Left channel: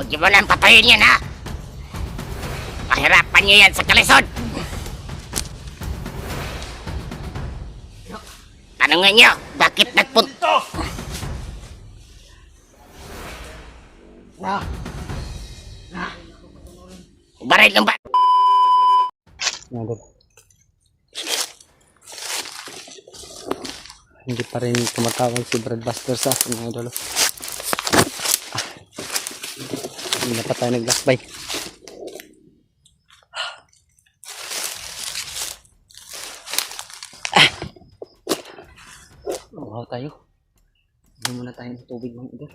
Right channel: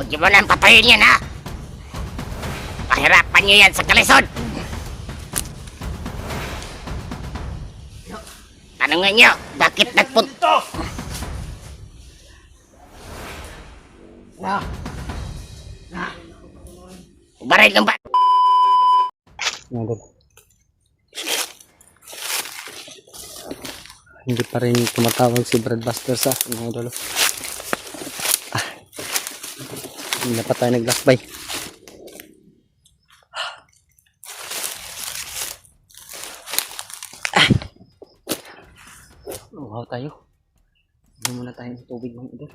Huwag niyo mo nang patayin yan, ha? Pahirapan niyo yan sa kalisod. Tanungin niyo, bakit nagpunto? Baray ng ba? Hindi pa rin tumatawag si Brad Buster sa akin, mga idol. Hindi na pa tayo naglasbay. Wow tayo. Inom muna tayo ng tubig, mga idol.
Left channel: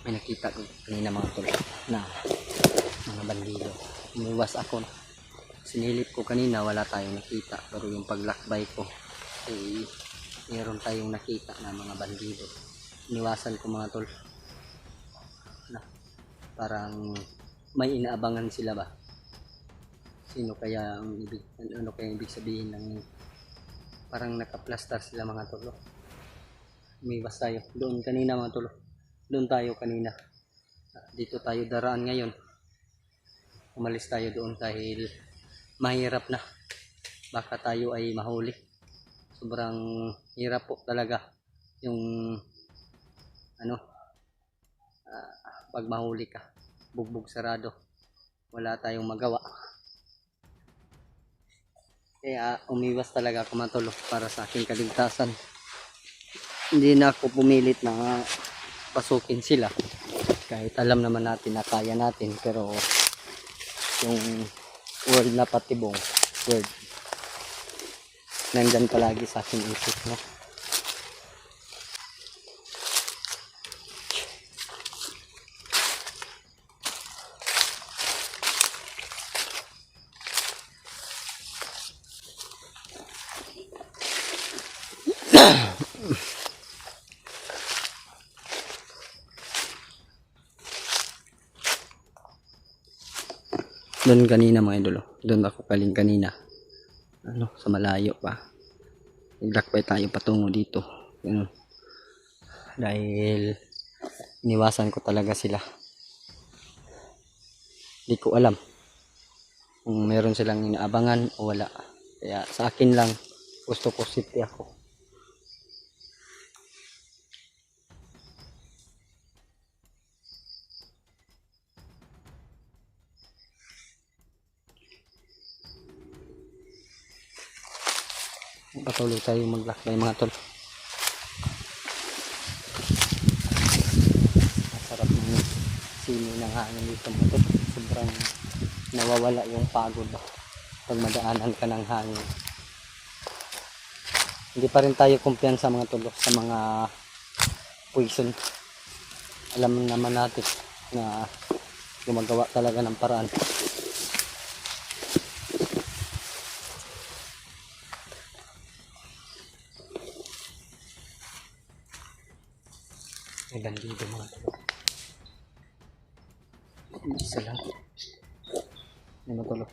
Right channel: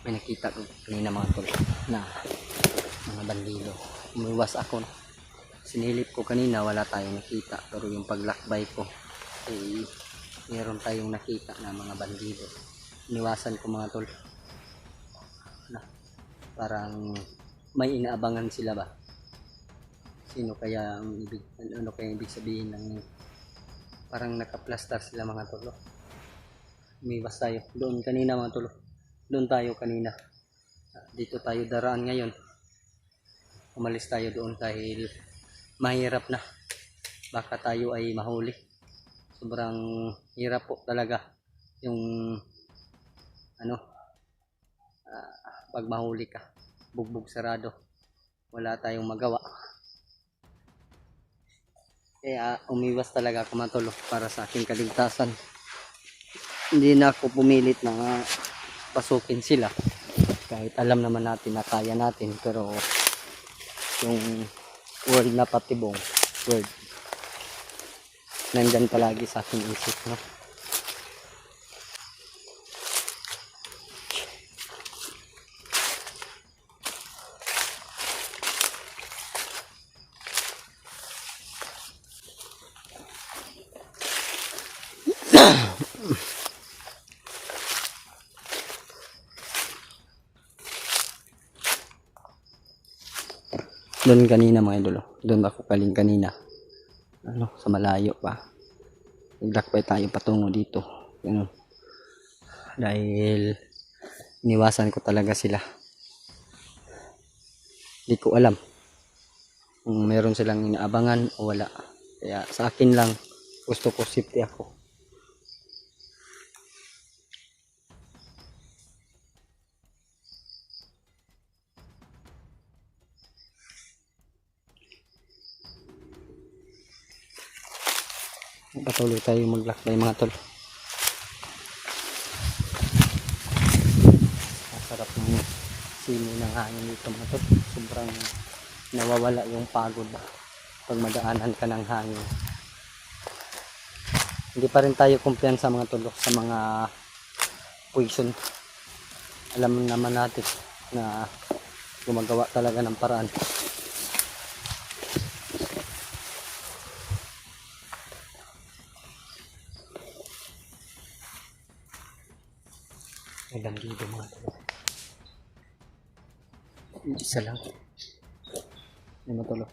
May nakita ko kanina, mga tol, na mga bandido. Umiwas ako. Sinilip ko kanina, wala tayong nakita. Pero yung paglakbay ko, mayroon tayong nakita na mga bandido. Iniwasan ko, mga tol. Parang may inaabangan sila ba? Sino kaya ang ibig, ano kaya ibig sabihin ng parang nakaplastar sila, mga tol. Umiwas tayo. Doon kanina, mga tol. Doon tayo kanina. Dito tayo daraan ngayon. Umalis tayo doon dahil mahirap na. Baka tayo ay mahuli. Sobrang hirap po talaga yung pag mahuli ka. Bugbog sarado. Wala tayong magawa. Kaya umiwas talaga ako, mga tol, para sa aking kaligtasan. Hindi na ako pumilit na pasukin sila kahit alam naman natin na kaya natin, pero yung word na patibong word nandyan palagi sa aking isip, no? Doon kanina, mga idol, doon ako kaling kanina, sa malayo pa. Naglakbay tayo patungo dito, ganun. Dahil iniwasan ko talaga sila. Hindi ko alam kung meron silang inaabangan o wala. Kaya sa akin lang, gusto ko safety ako. Patuloy tayo maglakbay, mga tol. Masarap ng simoy ng hangin dito, mga tol. Sobrang nawawala yung pagod ba pag madaanan ka ng hangin. Hindi pa rin tayo kumpiyansa, mga tol, sa mga poison. Alam naman natin na gumagawa talaga ng paraan. May bandido, mga tol. Isa lang. May matulog.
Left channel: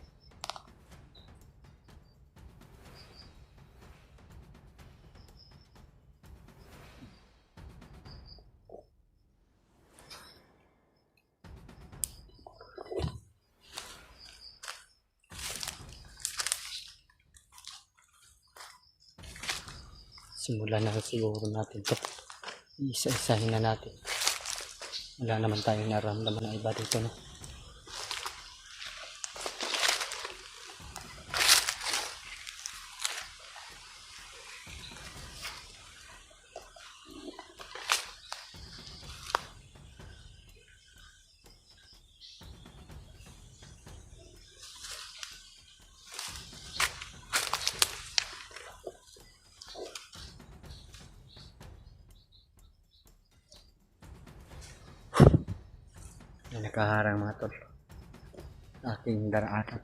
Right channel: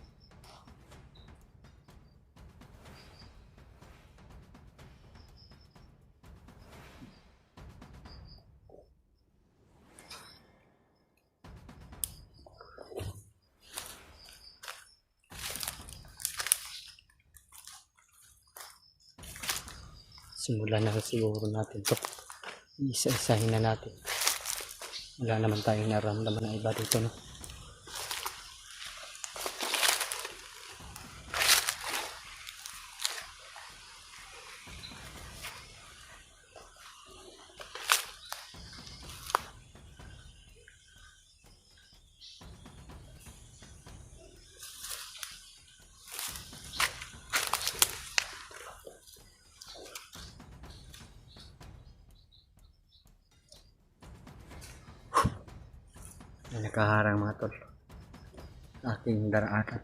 Simulan na siguro natin to. Isa-isahin na natin. Wala naman tayong naramdaman na iba dito, no? Na nakaharang mga tol. Aking daraanan.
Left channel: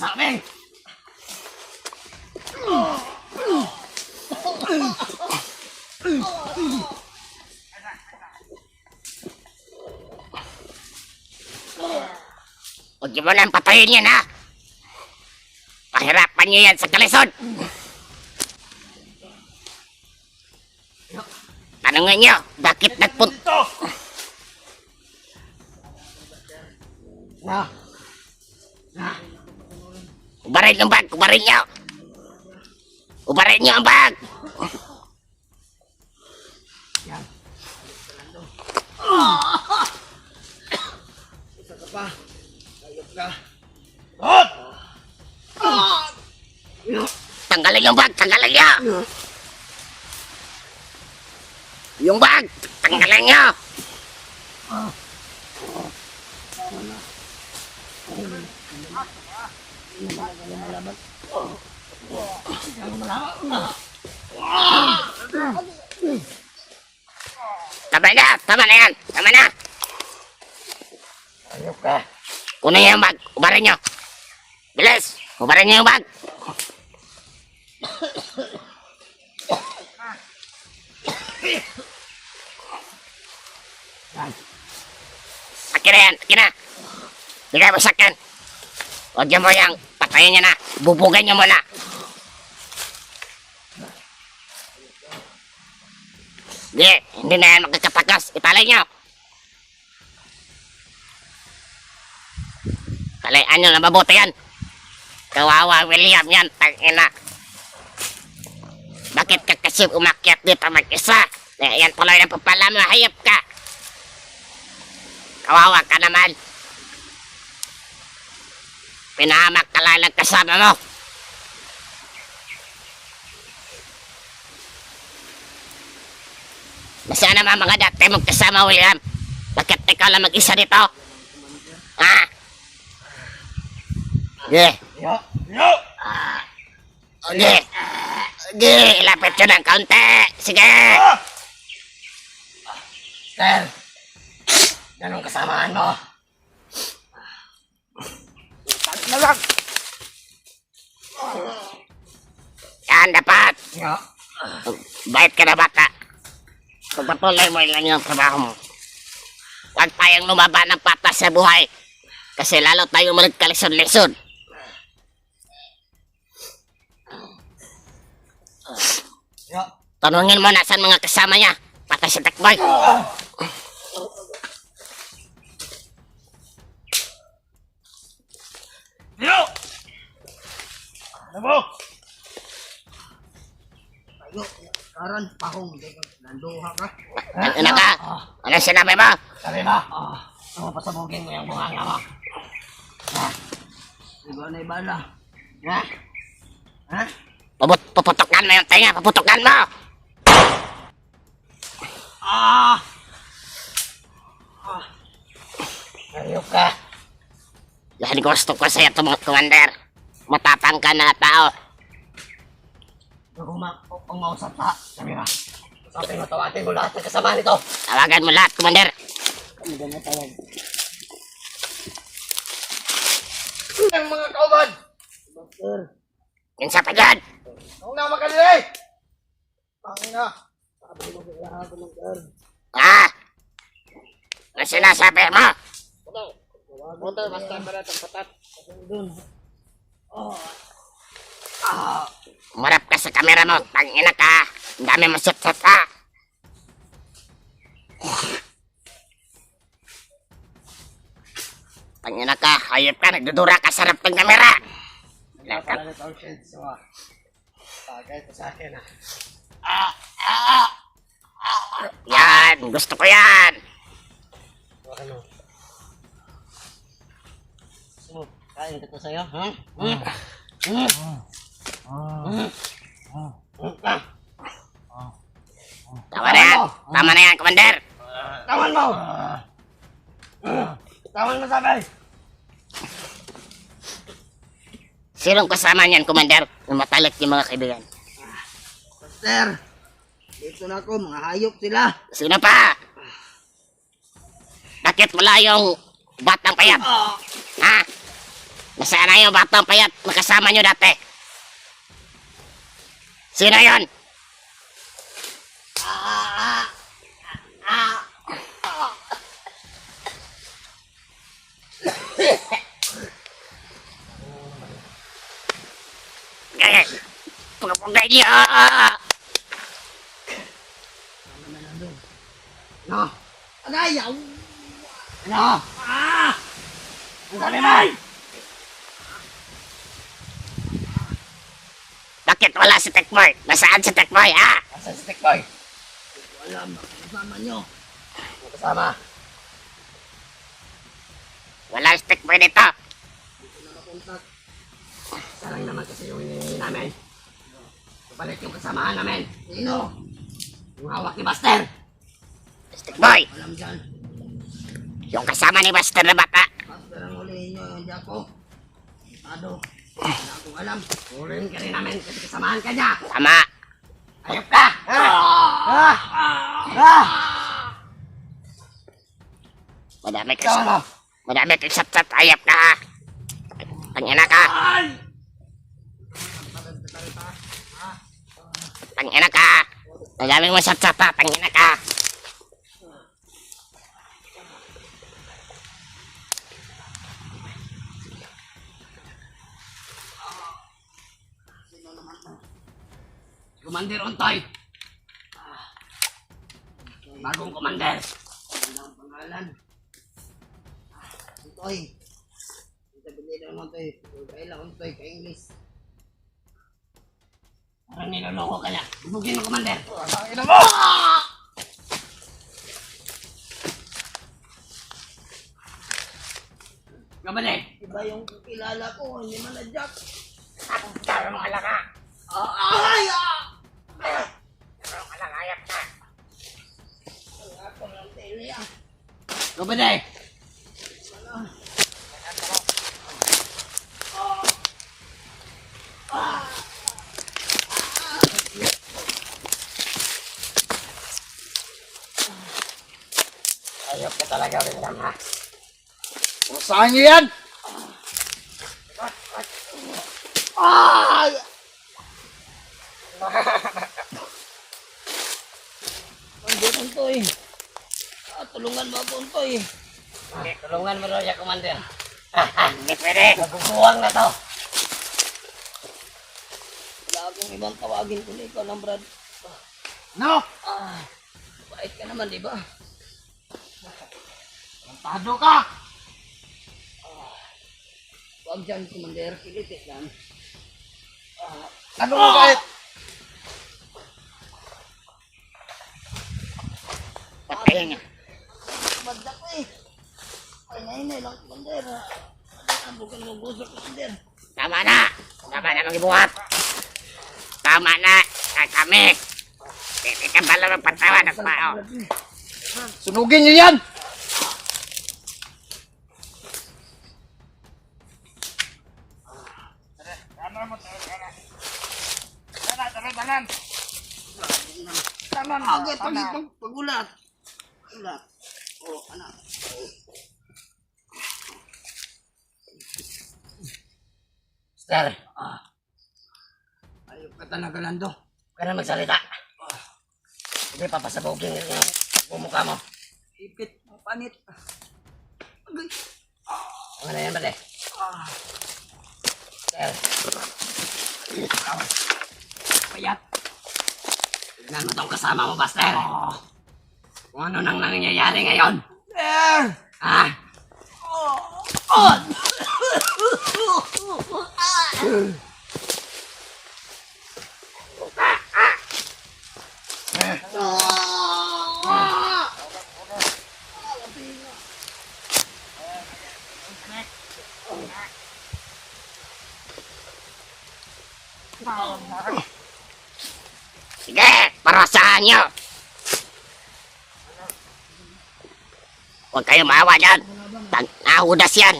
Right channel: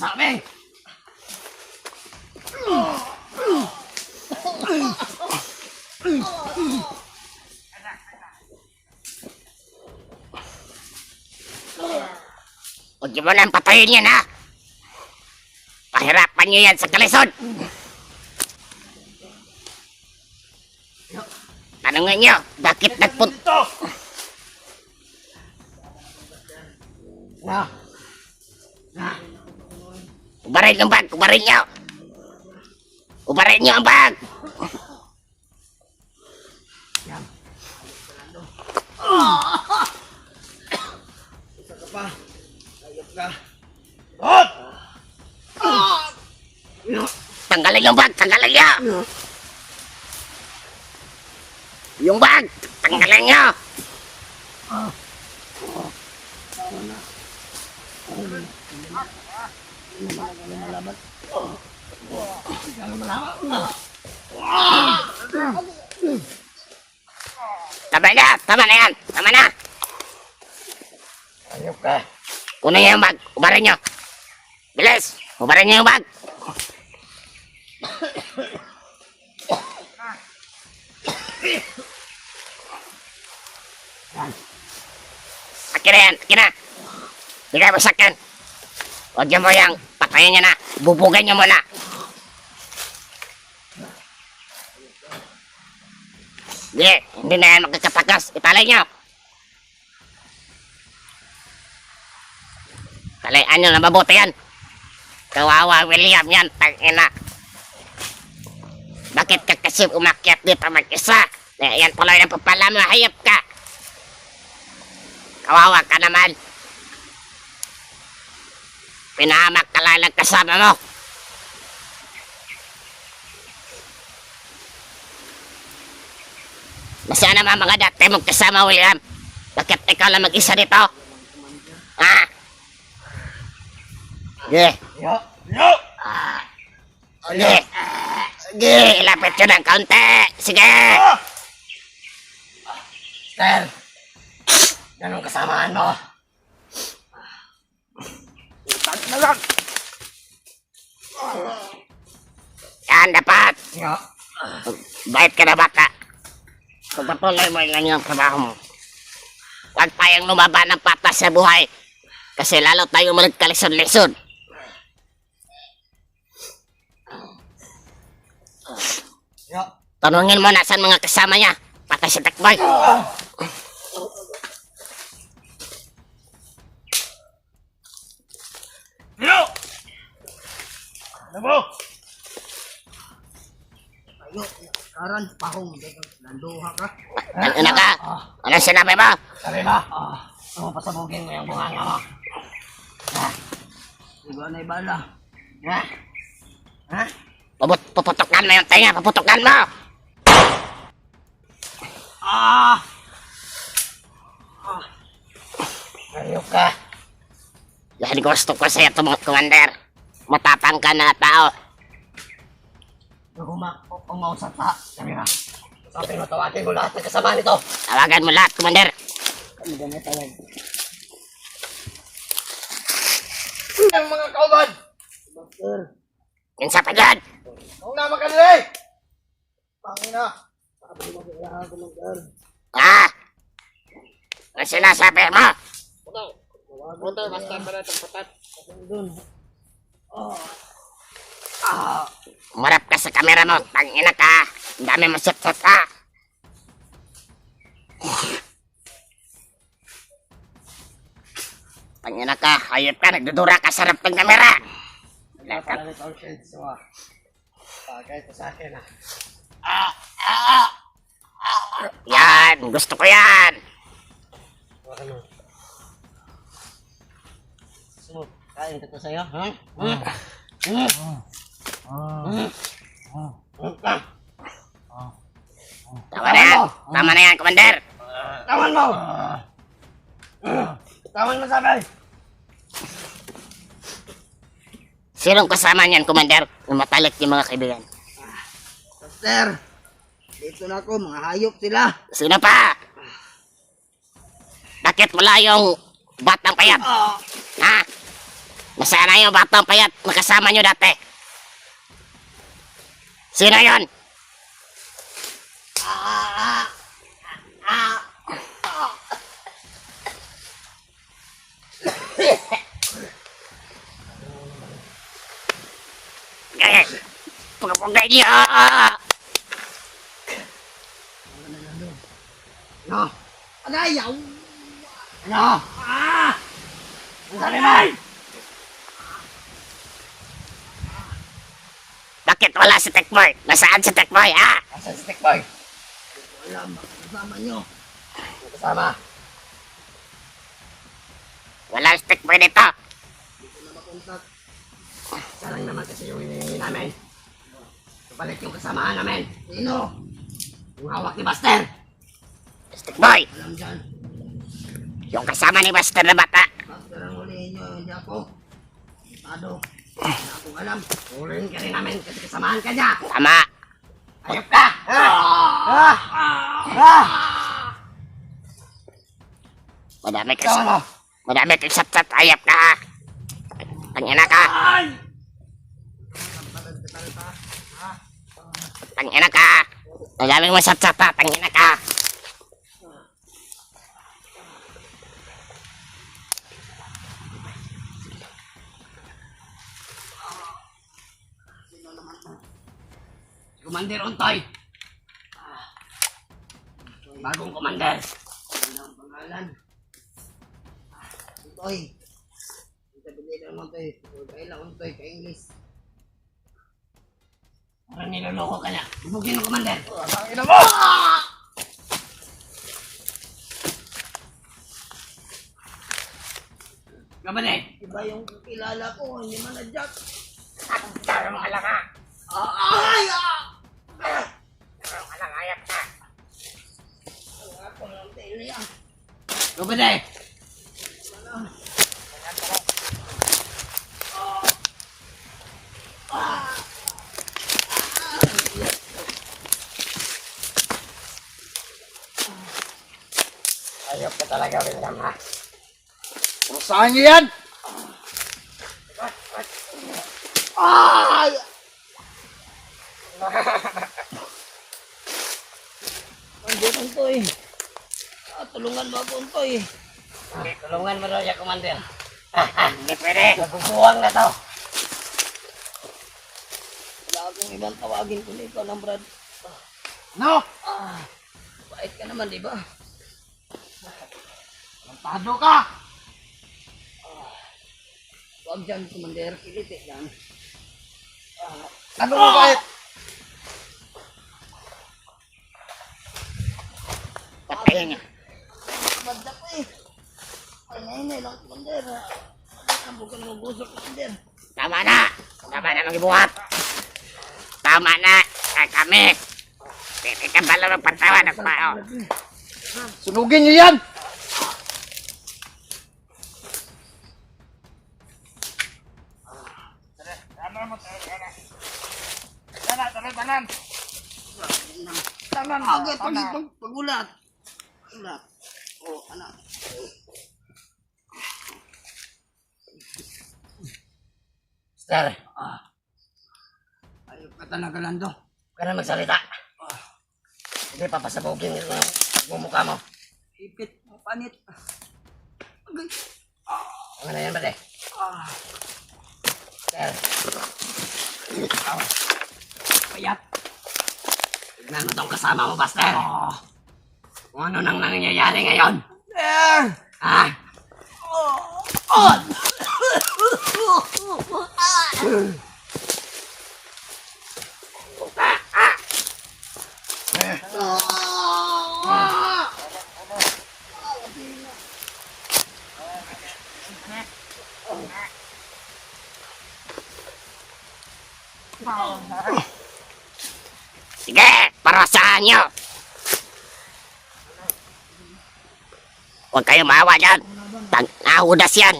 Sabi! Huwag niyo mo nang patayin yan, ha? Pahirapan niyo yan sa kalisod! Tanungin niyo, bakit nagpunta? Ubarin yung bag! Ubarin niyo! Ubarin niyo ang bag! Isa ka pa. Ayop ka. Tanggalin yung bag! Tanggalin niyo! Yung bag! Tanggalin niyo! Tama na! Tama na yan! Tama na! Ayop ka. Kunin niyo yung bag! Ubarin niyo! Bilis! Ubarin niyo yung bag! Akin na yan! Akin na! Bigay mo sa akin! Huwag niyo mo yung patayin niyo na! Bubugay niyo muna! Hindi na yan makakatakas! Italay niyo! Talayan niyo na mabuti yan! Kawawa William yan! Tangina! Bakit ka kasi umakyat dito mag-isa? Yan tuloy na papala mo! Hayop ka! Kawawa ka naman! Pinahamak ka lang ng kasama mo! Nasaan naman mga dati mong kasama, William? Bakit ikaw lang mag-isa dito? Ha? Sige. Sige. Sige, ilapit yun ng kaunti. Sige. Sir. Ganong kasamaan mo. Na lang. Yan, dapat. Bait ka na bata. Pagpatuloy mo lang yung trabaho mo. Huwag tayong lumaban ng patas sa buhay. Kasi lalo tayong magkalisod-lisod. Yo. Tanungin mo na saan mga kasama niya. Patay si Tekboy. Yo! Ano mo? Ayo, karan pahong nanduha ka. Ang ina ka. Anong sinabi mo? Sabi mo? Pasabugin mo yung bunganga mo. Diba na ibala. Ha? Ha? Puputokan mo yung tenga. Puputokan mo. Ayok ka. Yan gusto ko sa'yo, Commander. Matapang ka na tao. Kung umausap sa kamera. Sabi mo, tawagin mo lahat ng kasama nito. Tawagan mo lahat, Commander. Ano ba natawag? Ang mga kauban! Master. Kinsa pa dyan? Huwag na makalili! Pangina! Sabi mo kailangan ko master. Ha? Ano sinasabi mo? Tawagan ko master para tempat. Doon. Umarap ka sa kamera mo. Tangina ka. Ang dami mo sat-sat ka. Tangina ka. Hayop ka. Nagdudura ka sa harap ng kamera. Wala pala na conscience mo. Bagay ko sa akin Yan. Gusto ko yan. Ano? Gusto mo, kain ko to sa'yo, ha? Tama na yan. Tama na yan, Commander. Tawan mo! Tawan mo sabi! Sinong kasama niyan, Commander? Matalik yung mga kaibigan. Master. Dito na ako, mga hayop sila. Sino pa? Bakit wala yung batang payat? Ha? Nasaan na yung batang payat? Nakasama nyo dati. Sino yon? Eh, pagpagay niya. Ano? Agayaw! Ano? Ang sabi mo! Bakit wala si Tekboy? Nasaan si Tekboy, ha? Asan si Tikboy? Wala, makakasama nyo. Ang kasama? Wala si Tekboy dito. Dito na makontak. Salang naman kasi yung hinihingi namin. Kapalit yung kasamahan namin. Sino? Yung hawak ni Buster. Si Tekboy, Alam dyan. yung kasama ni Buster na bata. Master ang hulihin nyo, hindi ako. Tado. Wala akong alam. Huliin ka rin namin kasi kasamahan ka niya. Tama. Ayop ka! Madami ka Tawan mo! Madami kang sat-sat. Ayap ka, ha? Tangina ka. Tangina ka. Madami mo sat-sat, ha? Tangina ka. Commander Ontoy! Bagong commander! Walang pangalan. Untoy. Sabi lang Untoy. Kailang Untoy ka English. Parang niloloko ka niya. Bubugin mo, commander! Ina mo! Kapatid! Iba yung kilala ko, hindi man na Jack. Taro mo ka lang, ha? Ay! Taro ka lang, ayap ka. Wala ko ng tele ah. Kapatid! Ayop ka talaga, William, ha? Saan niyo yan? Ay! Dito Untoy. Tulungan mo ako Untoy. Tulungan mo raw siya, Commander. Hindi pwede. Magkukuwang na to. Wala akong ibang tawagin kundi ikaw lang, Brad. No! Bait ka naman, di ba? Tado ka! Huwag dyan, Commander. Kiliti yan. Ano mo kahit? Patay nga. Kabadda ko eh. Ay, nainay lang, Commander. Ang bukan mo gusto, Commander. Tama na! Tama na mag-ibuhat! Tama na! Kami! Hindi ka pala magpatawa ng tao. Sunugin niyo yan! Agad, pagulat. Pagulat. Oh, anak. Mister. Ayok ka talaga, Lando. Huwag ka na magsalita. Hindi papasabugin yung pagmumukha mo. Ipit, panit. Agay. Ano na yan, bale? Mister. Ikaw. Payat. Tignan mo tong kasama mo, Buster. Kung ano nang nangyayari ngayon. Ha? Sige! Parasahan nyo! Huwag kayo maawa dyan! Nahudas yan!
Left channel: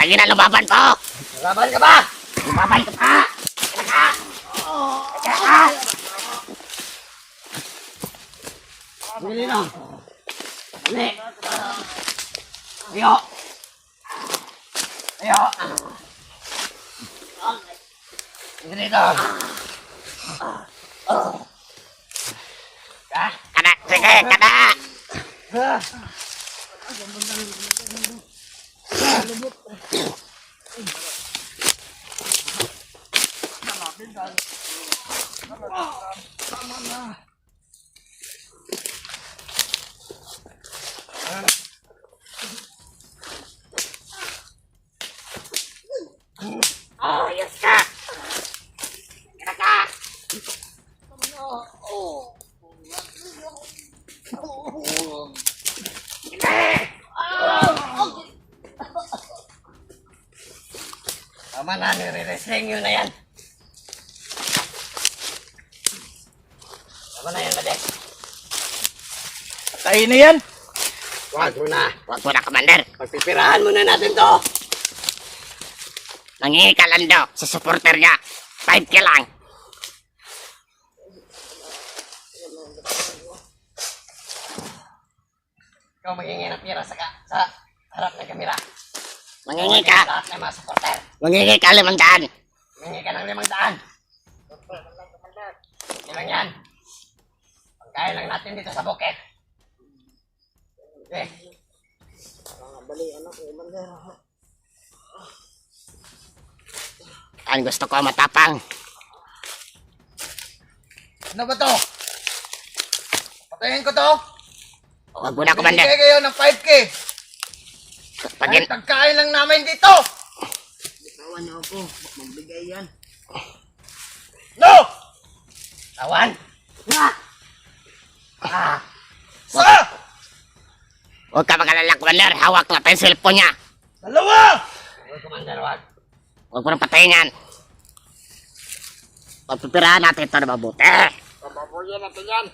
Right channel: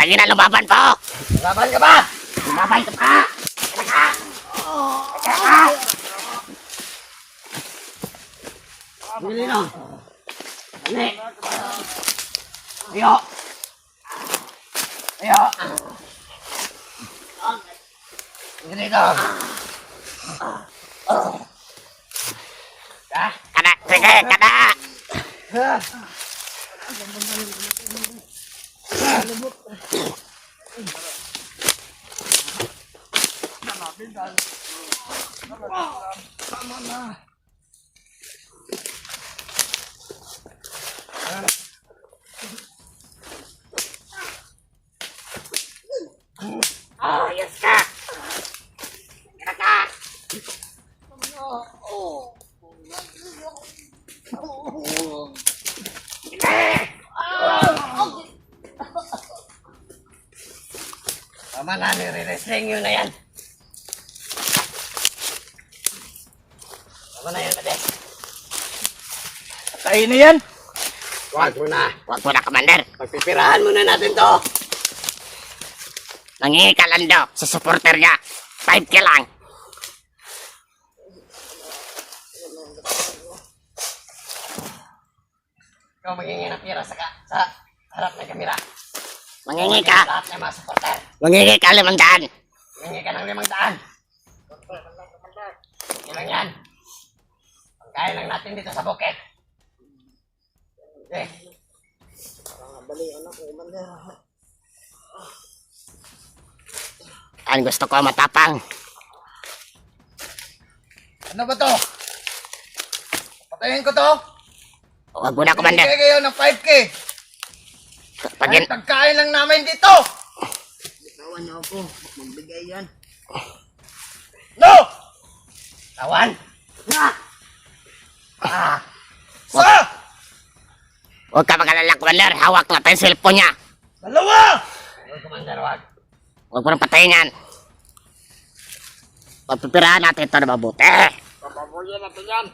Tagi na lumaban pa! Laban ka ba? Lumaban ka pa! Bili na. Bili. Ayo. Ayo. Ganito. Kada! Sige! Kada! Tama na. Ayos ka! Kada ka! Tama na, nire-wrestling yun na yan. Tama na yan, Mades. Kain na yan! Huwag mo na. Huwag mo na, Commander! Pagpipirahan muna natin to. Nangingi ka lang daw sa supporter niya. 5K lang. Ikaw magiging ng pira sa harap ng kamera. Mangingi ka. Lahat ng mga supporter. Mangingi ka 500. Mangingi ka ng 500. Ilang yan. Pagkaya lang natin dito sa bukit. Okay. Ang gusto ko matapang. Ano ba to? Patayin ko to? Huwag mo na, Commander. Bigay kayo ng 5K. Pag Kahit pagkain lang namin dito. Tawan niyo ako. Magbigay yan. No! Tawan. Sa! huwag ka mag-alala, Commander. Hawak na tayo yung cellphone niya. Dalawa! Huwag, Commander, huwag. Huwag mo nang patayin yan. Pagpipirahan natin ito na mabuti. Papabuyan natin yan.